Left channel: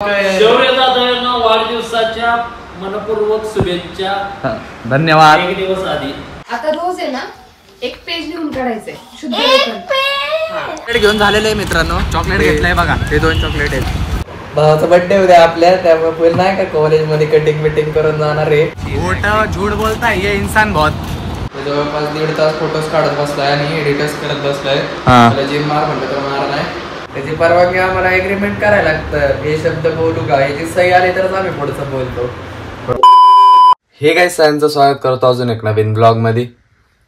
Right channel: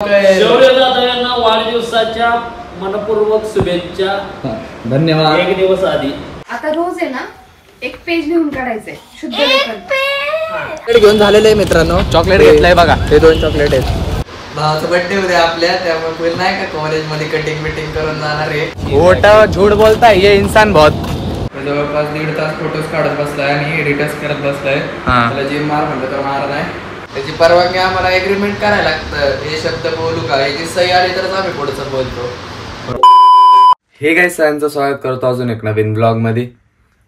शौर्य जाधवांना वाढदिवसाच्या मनपूर्वक शुभेच्छा. धन्यवाद. एक दिवस आधी आता रोज आहे ना एक पेज लिहून काढायचंय शुद्ध लेखन. चॉकलेट घेऊन झालेलं आहे मित्रांनो. चॉकलेट घेतलंय बघा. हे 2 चॉकलेट आहेत. भावाचा बर्थडे उद्या आपल्या, त्यामुळे फुल नाही का कॉलेज मध्ये कटिंग बिटिंग करून जाणार आहे. खोटा झूठ बोलताय ये इंसान बहुत. जवळपास 1.5 तास फोटोज काढत बसलाय आणि एडिटर्स करत बसलाय. त्याला जिम मार म्हणलं तर मार नाही. त्याची परवानगी आम्हाला एग्रीमेंट करायला लागतं. हे शब्द बोलू का, याची सही आली तरच आम्ही पुढचं बोलतो. हे काय सगळ्यांचं स्वागत करतो अजून एक नवीन ब्लॉग मध्ये.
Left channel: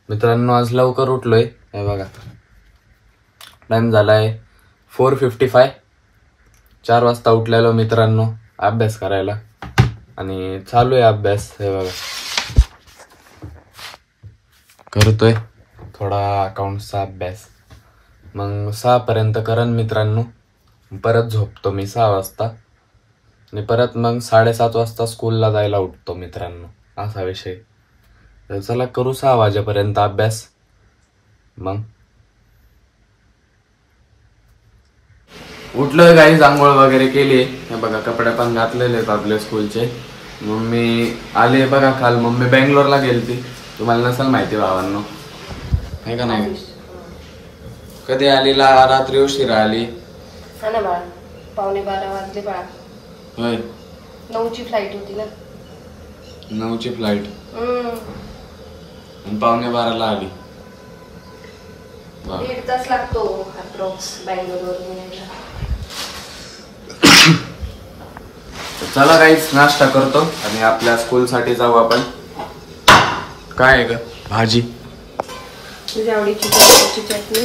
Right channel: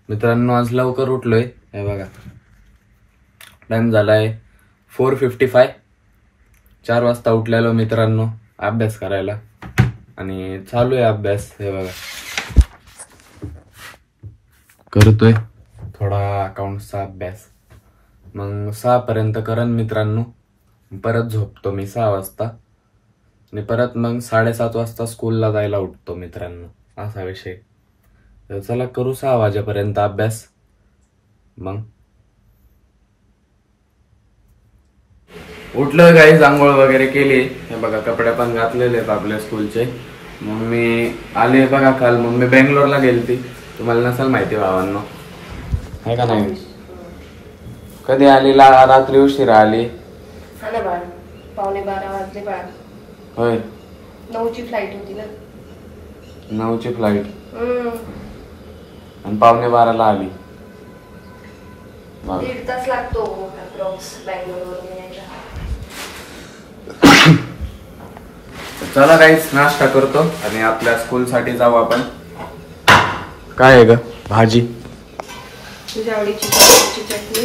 मित्रांनो आज लवकर उठलोय. हे बघा टाइम झालाय 4:55. 4 वाजता उठलेलो मित्रांनो अभ्यास करायला आणि चालू आहे अभ्यास. हे बघा करतोय थोडा अकाउंटचा अभ्यास. मग 6 पर्यंत करन मित्रांनो. परत झोपतो मी 6 वाजता आणि परत मग 7:30 वाजता स्कूलला जायला उठतो मित्रांनो. असा विषय. तर चला करू 6 वाजेपर्यंत अभ्यास. मग उठलोय काही आंघोळ वगैरे केली. हे बघा कपडे पण घातलेले आहेत आपल्या स्कूलचे. मम्मी आले बघा काल. मम्मी बेंगलोरला गेलती. तुम्हाला नसेल माहिती भावांनो आहे का नाही. कधी आली रात्री उशिरा आली. 11:15 वाजले बाळा. होय 9ची फ्लाईट होती ना. 9ची फ्लाईट आणि 11:15 आली. 1.5 तास लागतो बँगलोर वरून यायला. चला काहीच नाश्ता करतो आणि आपल्या स्कूल साठी जाऊ आपण. काय आहे ग भाजी. तुझ्या आवडीची टोमॅटोची चटणी.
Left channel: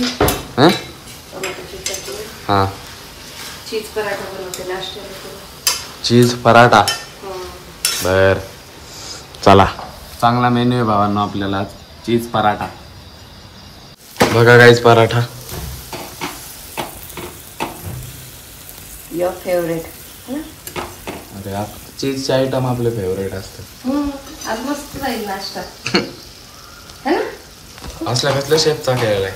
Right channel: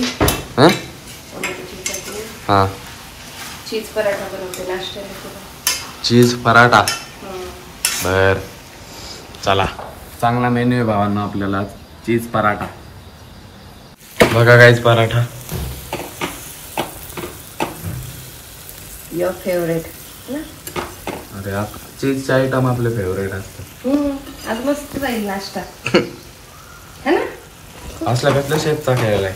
टोमॅटोची चटणी. हा चीज पराठा बनवते नाश्त्याला. चीज पराठा. बर चला चांगला मेन्यू आहे भावांनो आपल्याला. चीज पराठा बघा काहीच पराठा. Your favourite. अरे चीजचे आयटम आपले फेवरेट असतात. आज मस्त जाईल नाश्ता है ना. असला कसल्या शेपचा खेळलाय.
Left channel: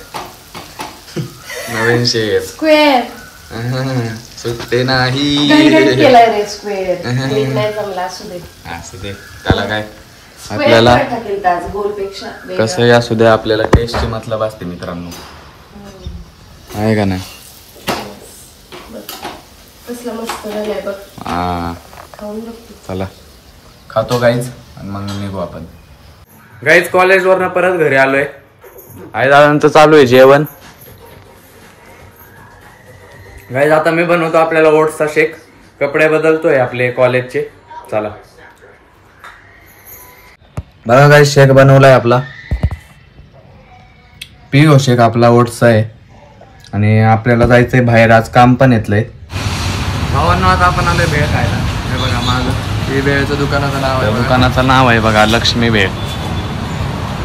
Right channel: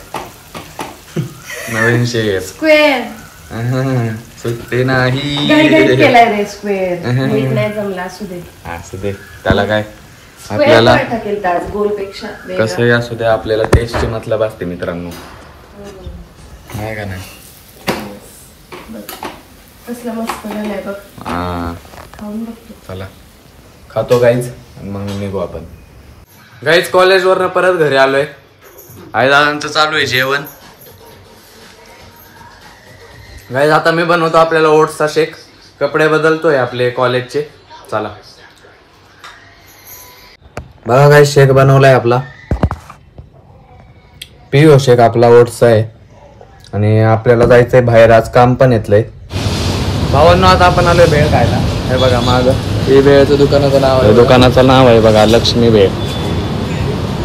नवीन शेप स्क्वेअर. सुट्टे नाही केलाय रे स्क्वेअर. नाही जमला असू दे. असू दे त्याला काय. आपल्याला गोलपेक्षा कसंही असू दे आपल्याला टेस्टची मतलब असते मित्रांनो. आहे का नाही. कसलं मस्त झालंय बघ. हा खाऊन बघतो. चला खातो गाईज आणि मग निघू आपण. गाईज कॉलेज वरनं परत घरी आलोय. आई दादांचं चालू आहे जेवण. गाईज आता मी बनवतो आपल्याला ओट्सचा शेक. कपडे बदलतोय आपले कॉलेजचे. चला बघा गाईज शेक बनवलाय आपला. पिओ शेक आपला ओट्सचा आहे. आणि आपल्याला जायचंय बाहेर. आज काम पण येतलंय भावांनो. आता आपण आलोय भेळ खायला. हे बघा माग हे भेळचं दुकानाचं नाव आहे. दुकानाचं नाव आहे बघा लक्ष्मी भेळ.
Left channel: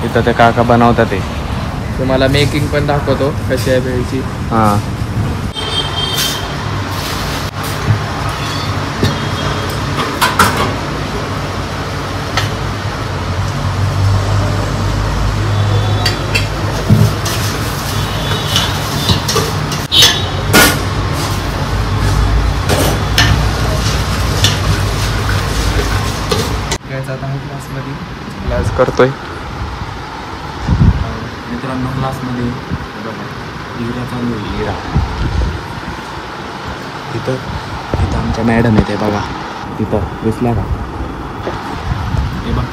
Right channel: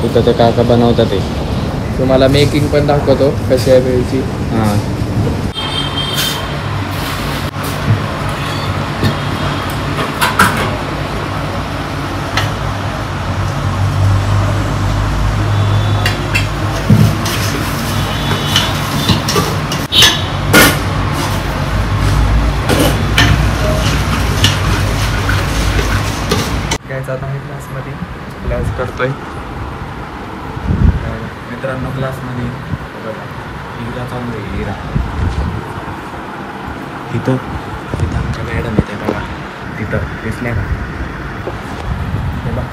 इथं ते काका बनवतात. ते तुम्हाला मेकिंग पण दाखवतो कशी आहे भेळची. हा क्लास करतोय मित्रांनो. क्लास मध्ये लिरा चालू आहे. लिरा तिथं आमच्या मॅडम येते बघा. तिथं दिसल्या का. हे बघ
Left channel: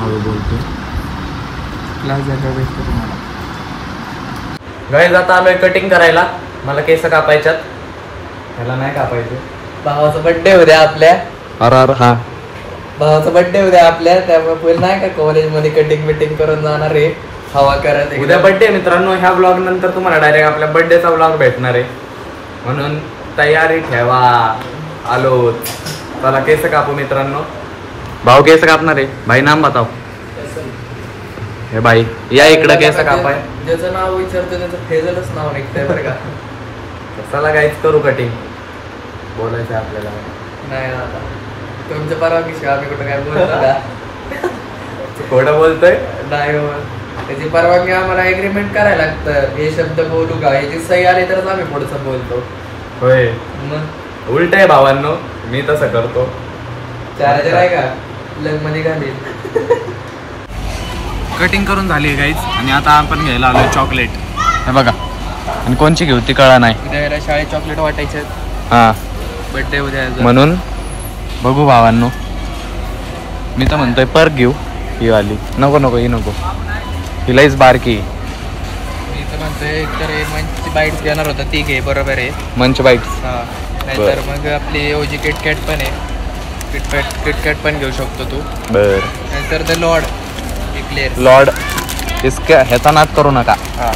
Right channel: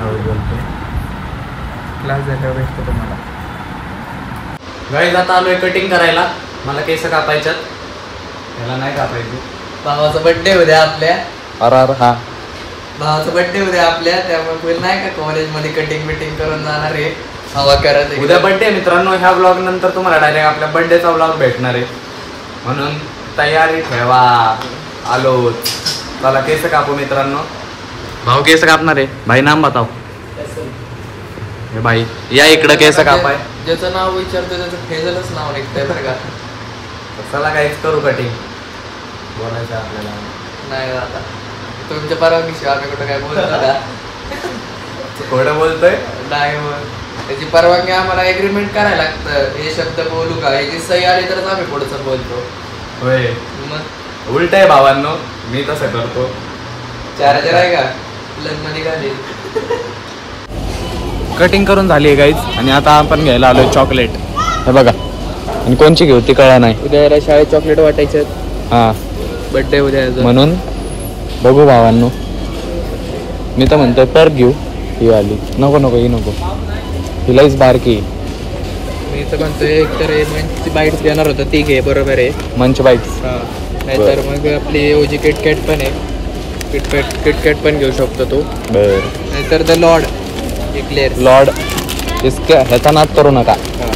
हळू बोलतोय. क्लास जायला भेटतो तुम्हाला. गाईज आता आलोय कटिंग करायला. मला केस कापायच्यात. त्याला नाही कापायचं. भावाचा बर्थडे उद्या आपल्या. भावाचा बर्थडे उद्या आपल्या, त्यामुळे फुल नाही का कॉलेज मध्ये कटिंग बिटिंग करून जाणार आहे. हवा करत. उद्या बर्थडे मित्रांनो. ह्या ब्लॉग नंतर तुम्हाला डायरेक्ट आपल्या बर्थडेचा ब्लॉग भेटणार आहे. म्हणून तयारी ठेवा. आलो. चला केस कापू मित्रांनो. भाऊ केस कापणार आहे. भाई नाम बताओ. हे भाई या इकडं केस कापाय. ज्याचं नाव विचारतो त्याचं फेजलच नाव निघतंय बरं का. चला काहीच करू कटिंग. बोलायचं आपल्याला नाही आता. तुमच्या परवानगी आम्ही कुठं काय बोलतो. खोटं बोलतोय. त्याची परवानगी आम्हाला एग्रीमेंट करायला लागतं. हे शब्द बोलू का, याची सही आली तरच आम्ही पुढचं बोलतो. होय मग उलट आहे भावांनो, मी तसं करतो. चार्जर आहे का लग मध्ये घालेल. कटिंग करून झाली गाईज आणि आता आपण घ्यायला आलोय चॉकलेट. हे बघा, आणि कोणची घेऊ ती कळा नाही. उद्या याला शाळेत चॉकलेट वाटायचे. हा, बर्थडे उद्या याचा. म्हणून बघू भावांनो. मी तर म्हणतोय परत घेऊ ही वाली. नको नको ही नको, हिलाच बारकी. मी तर म्हणतोय एकतर मंच बाईट्स घेणार होता ती घे, बरोबर आहे. मंच बाईट्स. हा, नाहीतर मग आपली ओजी किटकॅट पण आहे. किटकॅट पण घेऊ शकतो तू. बर, नाहीतर द लॉर्ड इक्लेअर. लॉर्ड इसका ह्याचा नाद करू नका. हा,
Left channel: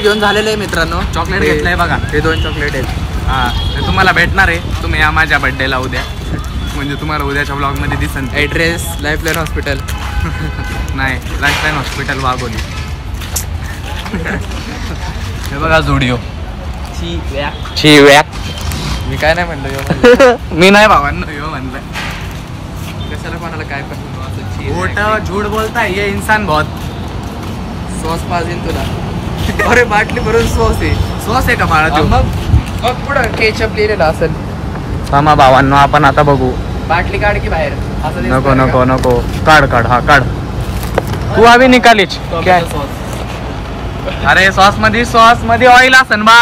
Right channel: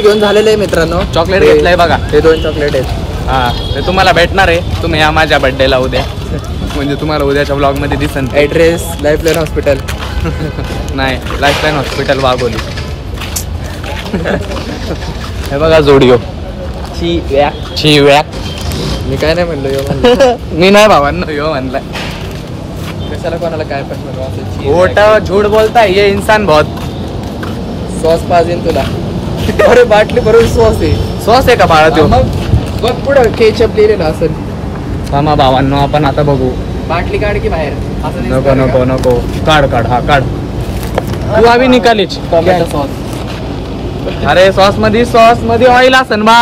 घेऊन झालेलं आहे मित्रांनो. चॉकलेट घेतलंय बघा. हे 2 चॉकलेट आहेत. हा, ते तुम्हाला भेटणार आहे. तुम्ही या माझ्या बर्थडेला उद्या. म्हणजे तुम्हाला उद्याच्या ब्लॉग मध्ये दिसन. Address lifeline hospital. नाही, लाईफलाईन हॉस्पिटल वाघोली. हे बघा जोडिओ. ची वॅक. मी काय नाही म्हणलो यो म्हणलं. मी नाही भावांनो यो म्हणलाय. कशाला कोणाला काय पण म्हणू असं. खोटा झूठ बोलताय ये इंसान बहुत. सॉस पाहिजे तुला. अरे बाटली भरून सॉस आहे. सॉस आहे का बाळा तो? मग बघ पुढं केचप लिहिले ना असं. थांबा भावांनो, आपण आता बघू. बाटली काढ की बाहेर. असं दिसतंय नको का? नको नको, काढ काढ. हा काढ. तू अभी निकालीच. Tomato sauce. अरे सॉस मध्ये ऑइल असन बा.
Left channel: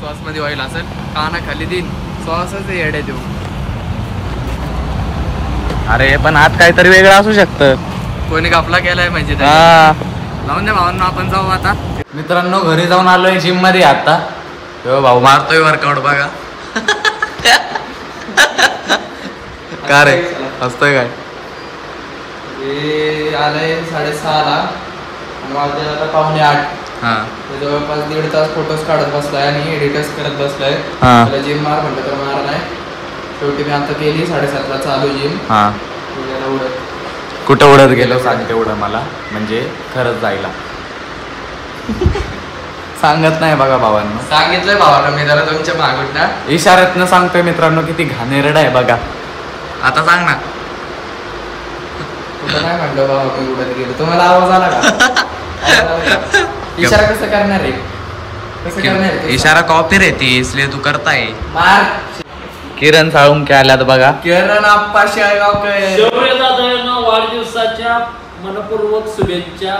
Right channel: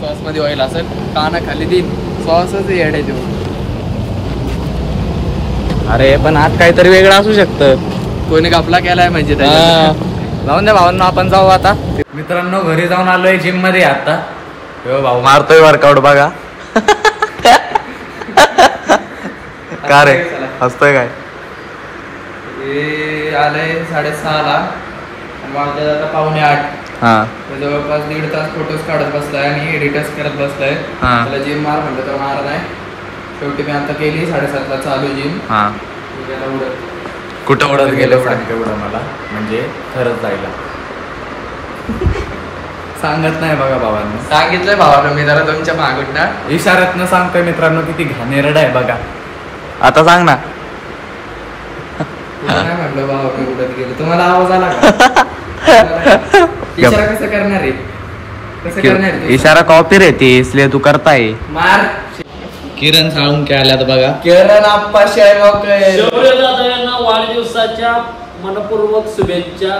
सॉस मध्ये ऑइल असेल. काना खाली देईन. सॉसच येड आहे तो. अरे पण आत काहीतरी वेगळं असू शकतं. कोणी कापला केलाय म्हणजे हा. त्याच्यात. लावून द्या भावांनो, आपण जाऊ आता. मित्रांनो घरी जाऊन आलोय जिम मध्ये आता. हो भाऊ मारतोय वर्कआउट बघा. का रे हसतोय काय? हे आलंय 6:30ला आणि माझ्या आता 7:45. हा जवळपास 1.5 तास फोटोज काढत बसलाय आणि एडिटच करत बसलाय. हा. त्याला जिम मार म्हणलं तर मार नाही. शेवटी मी आता केली 7:30ला चालू जिम. हा. उद्याला उडत. कुठं उडत गेलो सांग तेवढं मला, म्हणजे खरंच जायला. सांगत नाही बघा भावांनो. सांगितलंय भावानं मी जरा तुमच्या मागून ना. इशाऱ्यातनं सांगतोय मित्रांनो किती घाणेरड आहे बघा. आता सांग ना. तुला काय म्हणलं भावा मी उडत गेलो. तुम्हाला आवाज आला का? इशारा कसं करणार आहे? कसं करणार आहे? इशारा कॉपी रहती इसलिए तू करताय. मार. किरण साळुंके आल्यात बघा. किरण आप्पा शेळगावकर. शौर्य जाधवांना वाढदिवसाच्या मनपूर्वक शुभेच्छा.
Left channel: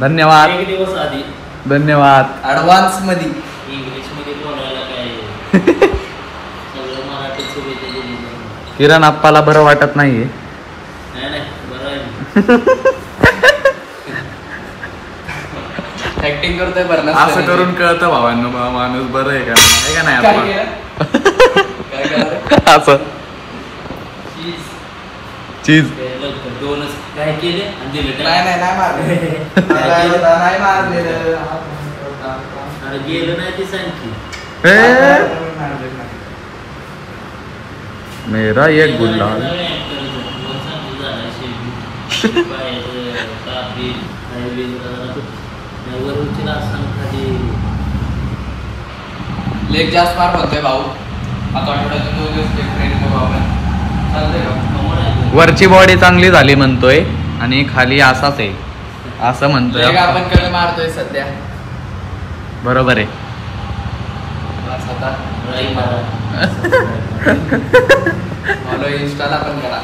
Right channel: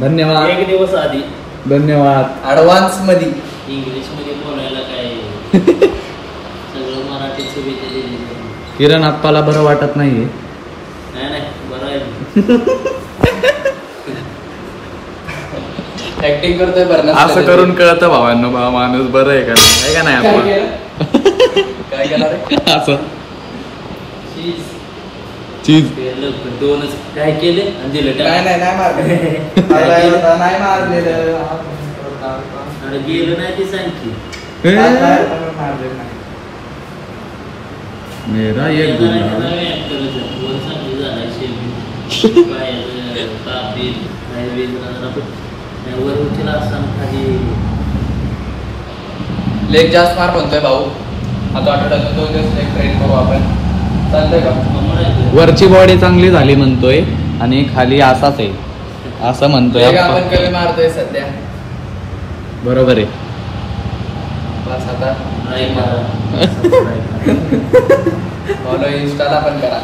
धन्यवाद. 1 दिवस आधी. धन्यवाद. ऍडव्हान्स मध्ये. इंग्लिश मध्ये बोलायला काय सगळं मराठीत शुभेच्छा दिली. किरण आप्पाला बरं वाटत नाहीये. नाही बरं आहे. ऍक्टिंग करतोय बरं. असं करून कळतं भावांनो बा माणूस बरं आहे का नाही, आहे का नाही आपण. असं चीज 2च काय केले आणि दिलं नाही टाक. नाही मारले. नाही मारलेलं. अरे गेलं नाही ते सांग की. मेरा एक गुलाब. लेग जास्त मार म्हणतोय भाऊ. आता आठवड्यातून 2 दिवस लेग ट्रेन करू आपण. चालतंय का? वरची बॉडी चांगली झाली म्हणतोय आणि खाली असाच आहे असं म्हणतोय. लेग आपण कधी मारतोय सध्या. बरोबर आहे. फॉलो इन्स्टाला पण करा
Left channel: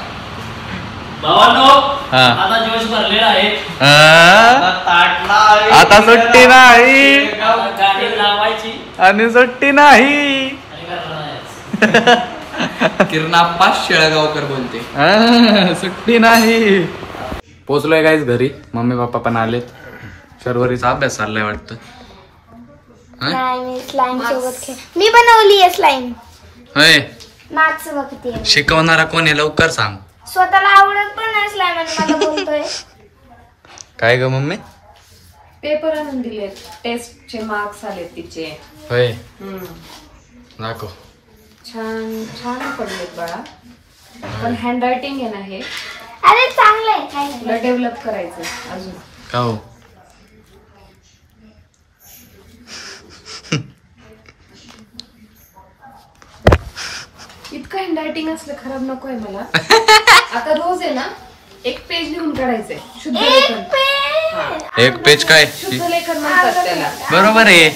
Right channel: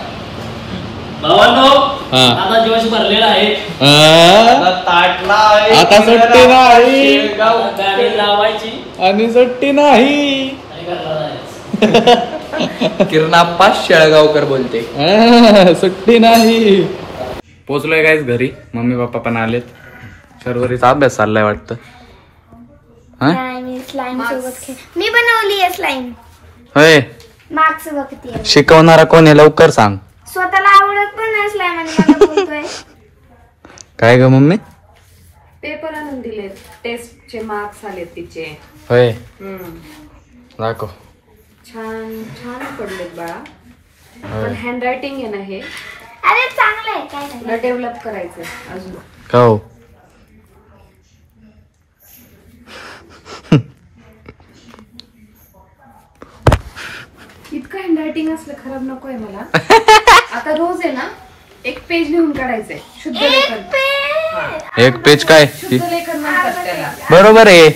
भावांनो. हा. आता दिवस भरलेला आहे. ताटला आता सुट्टी नाही गाडी लावायची आणि सुट्टी नाही. आणि घरला जायचं. किरणाप्पा शेळगावकर बोलते. सुट्टी नाही. पोचलोय गाईज घरी. मम्मी पप्पा पण आलेत. शर्वरीचा अभ्यास चाललाय वाटतं. मी स्लाइम सोबत खेळ. मी बनवली आहे स्लाइम. होय. मार्क्स बघते. शिकवणारा कोण आहे लवकर सांग. स्वतःला आवडत पण नाही स्लाइम आणि मला बोलतोय. काय ग मम्मी? पेपर आणून दिले. टेस्टचे मार्क्स आले तिचे. होय. दाखव. छान छान पडलेत बाळा. पण हँड रायटिंग आहे ना हे. अरे चांगलं आहे. काय तुला नाही. डेव्हलप करायचंय अजून. का हो? इतकं हँड रायटिंग असलं खराब नकोय मला. आता रोज आहे ना 1 पेज लिहून काढायचंय. शुद्ध लेखन. एक पेज काय? शुद्ध लेखन म्हणतात त्याला. बरोबर आहे.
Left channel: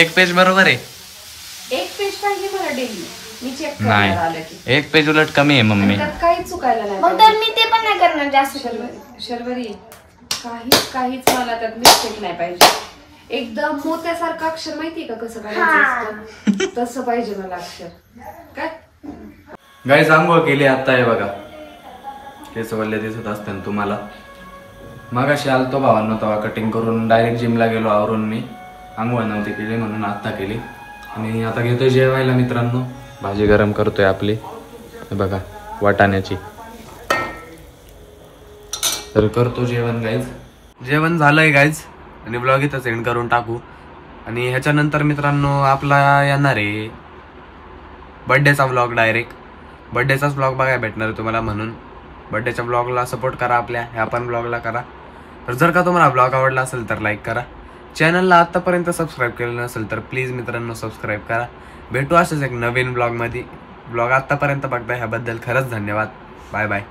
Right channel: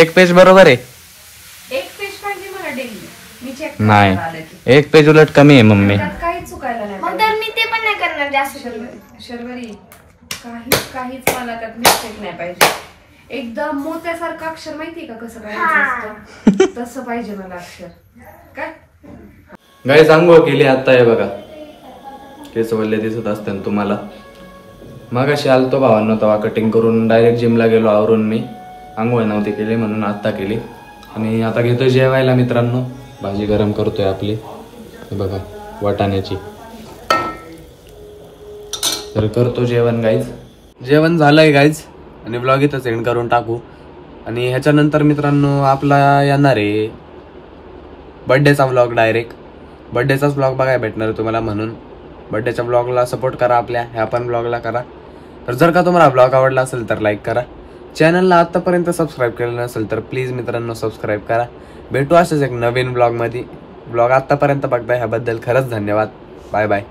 1 पेज बरोबर आहे. 1 पेज मी चेक नाही. करणार आलं की. 1 पेज उलट कमी आहे मम्मी. त्यात काहीच चुकायला नाही मग तर मी ते पण नाही करणार जास्त करून. शर्वरी काहीच मला त्यात मिस्टेक नाही पाहिजे. एकदम मोत्यासारखं अक्षर माहितीये का कसं करायचं असतं? तसं पाहिजे मला अक्षर. काय गाईज आंघोळ केली आता हे बघा. केस वल्ले दिसत असते तुम्हाला. मगाशी आलतो भावांनो तेव्हा कटिंग करून डायरेक्ट जिमला गेलो आवरून. मी आंघोळ नव्हती केली म्हणून आता केली. आणि आता घेतोय जेवायला मित्रांनो. भाजी गरम करतोय आपली हे बघा वाटाण्याची. तरी करतो जेवण गाईज. जेवण झालंय गाईज आणि ब्लॉग इथं सेंड करून टाकू. आणि ह्याच्यानंतर मित्रांनो आपला येणार आहे बर्थडेचा ब्लॉग. डायरेक्ट बर्थडेचाच ब्लॉग बघायला भेटणार आहे तुम्हाला. म्हणून बर्थडेच्या ब्लॉगला सपोर्ट करा आपल्या. ह्या पण ब्लॉगला करा. तर जर का तुम्हाला ब्लॉग आवडला असेल तर लाईक करा. चॅनलला आतापर्यंत सबस्क्राईब केलं नसेल तर प्लीज मित्रांनो सबस्क्राईब करा. भेटू असेच एक नवीन ब्लॉगमध्ये. ब्लॉग आतापर्यंत बघताय ह्याबद्दल खरंच धन्यवाद. Bye bye.